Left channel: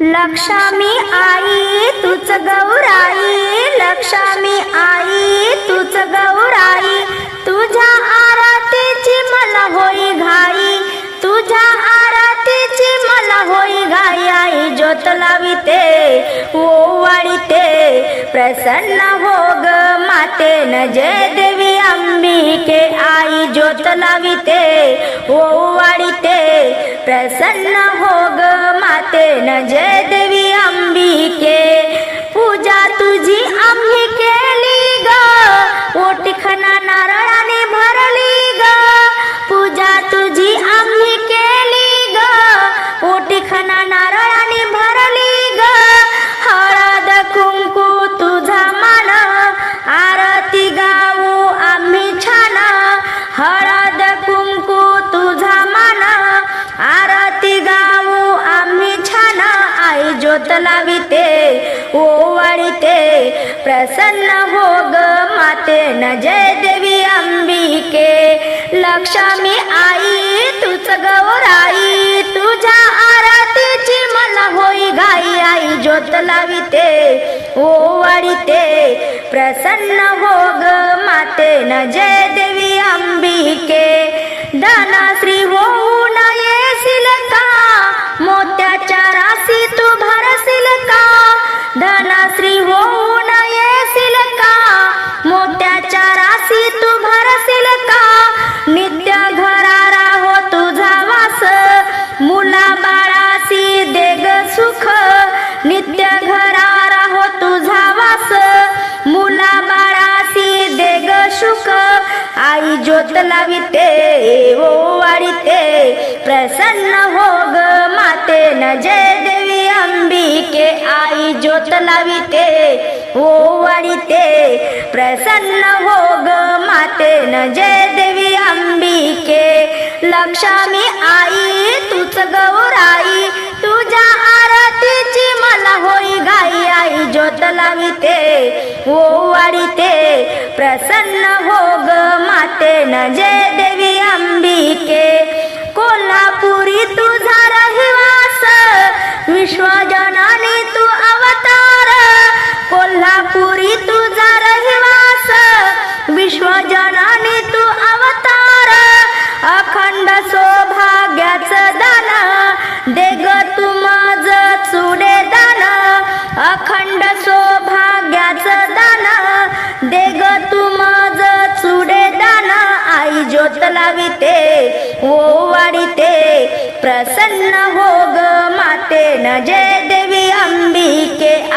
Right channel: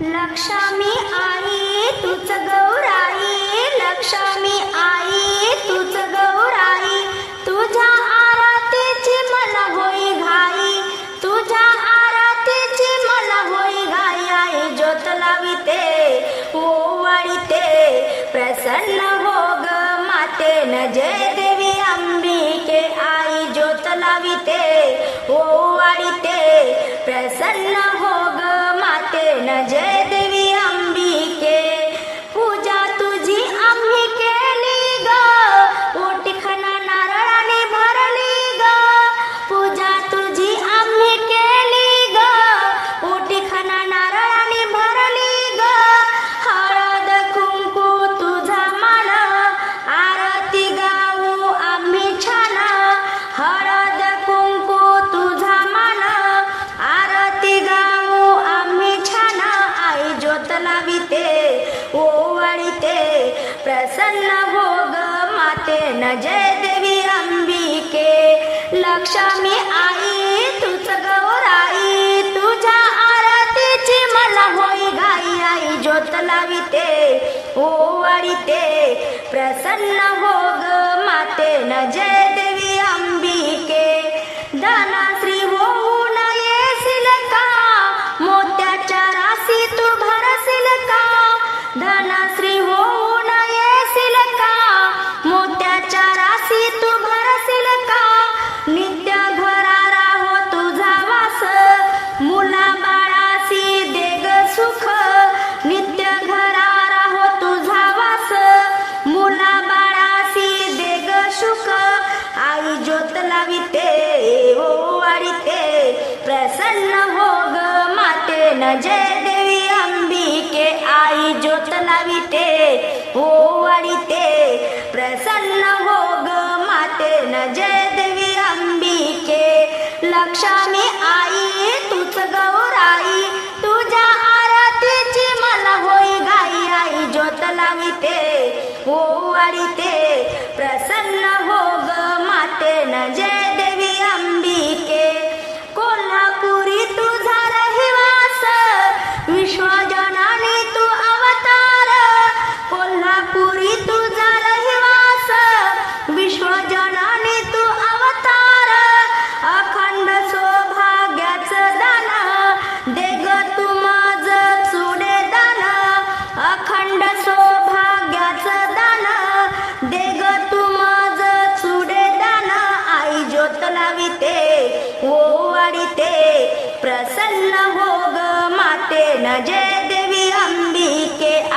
लक्ष्मी आई तुझ गौराई. लक्ष्मी आई तुझ गौराई. तुझ्या आरतीची मला होई घाई. तुझ्या आरतीची मला होई घाई. आई ज्योत लाविते ओवाळीते प्रसन्न हो ग माते न जय देवी अंबिके. आई ज्योत लाविते ओवाळीते प्रसन्न हो ग माते न जय देवी अंबिके पूजा तुझी आम्ही केली ग। पोटखना नारळाने भरली ग। पूजा तुझी आम्ही केली ग। पोटखना आई ज्योत लाविते ओ प्रसन्न हो ग माते. न जय देवी अंबिके लक्ष्मी आई तुझ गौराई. तुझ्या आरतीची मला होई गाई आई ज्योत लाविते ओवाळीते प्रसन्न हो ग माते. न जय देवी अंबिके धनास धनश्री होऊ नये का मोत्याच्या राशी तू भरशील का नित्य घरारा हो तुझा वास. मुला बाळाशी देग सुख. नित्य घरारा हो तुझा वास. मुला बाळाशी देग सुख. आई ज्योत लाविते ओ वाढीते. प्रसन्न हो ग माते न जय आई ज्योत लाविते हो ओ प्रसन्न हो ग माते. न जय देवी अंबिके लक्ष्मी आई तूच गौराई. तुझ्या आरतीची मला होई घाई. आई ज्योत लाविते हो ओ प्रसन्न हो ग माते. न जय देवी अंबिके कोल्हापुरी तुझा रहिवास. विश्वजनाने कोल्हापुरी तुझा रहिवास विश्वजनाने तू अवतार. अखंड सौभाग्याच दान दे ग तू माझ चुडे दान. अखंड सौभाग्याच दान दे ग तू माझ चुडे दान. आई ज्योत लाविते ओ वाढीते प्रसन्न हो ग माते न जय देवी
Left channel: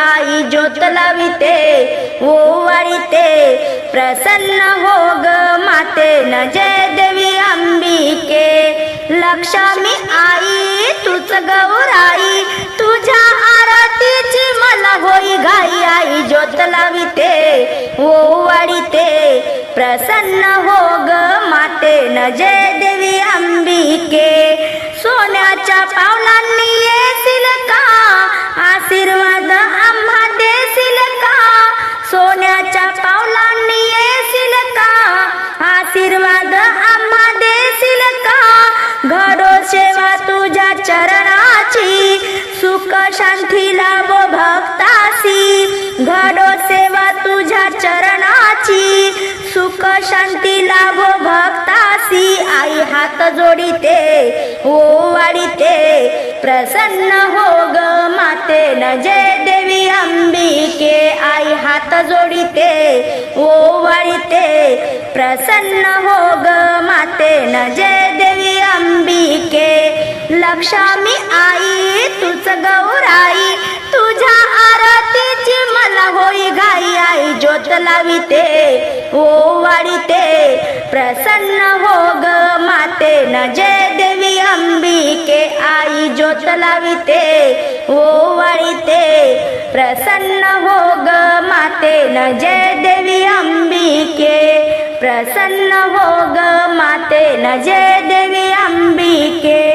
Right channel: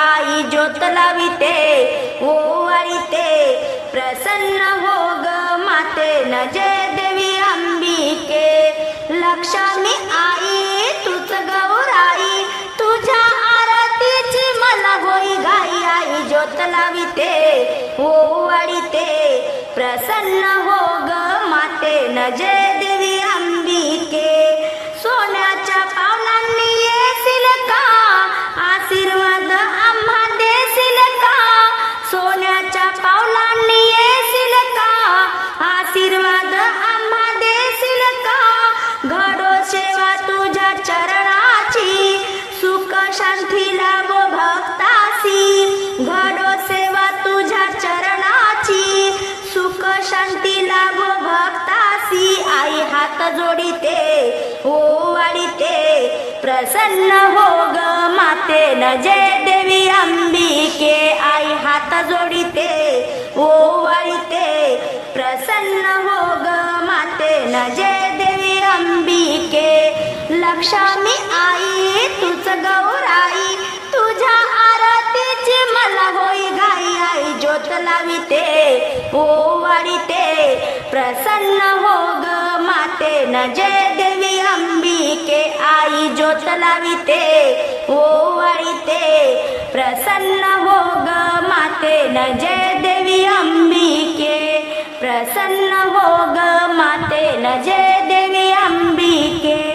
आई ज्योत लाविते ओ वाढीते प्रसन्न हो ग माते न जय देवी अंबिके. लक्ष्मी आई तुझ गौराई तुझ्या आरतीची मला होई घाई. आई ज्योत लाविते ओ वाढीते प्रसन्न हो ग माते न जय देवी अंबिके. सोन्याच्या पावलांनी येतील का? आशीर्वाद शांती लाभो भक्तासी. घडो सेवा तुझ्या चरणाची. सुख शांती लाभ भक्तासी. आई हात जोडिते ओ हो वाढीते. प्रसन्न हो ग माते न जय देवी अंबिके. आई हात जोडिते ओ हो वाढीते. प्रसन्न हो ग माते न जय देवी अंबिके. लक्ष्मी आई तुझ गौराई तुझ्या आरतीची मला होई घाई आई. ज्योत लाविते ओ वाढीते प्रसन्न हो ग माते. न जय देवी अंबिके आई ज्योत लाविते ओ वाढीते प्रसन्न हो ग माते. न जय देवी अंबिके प्रसन्न हो ग माते. न जय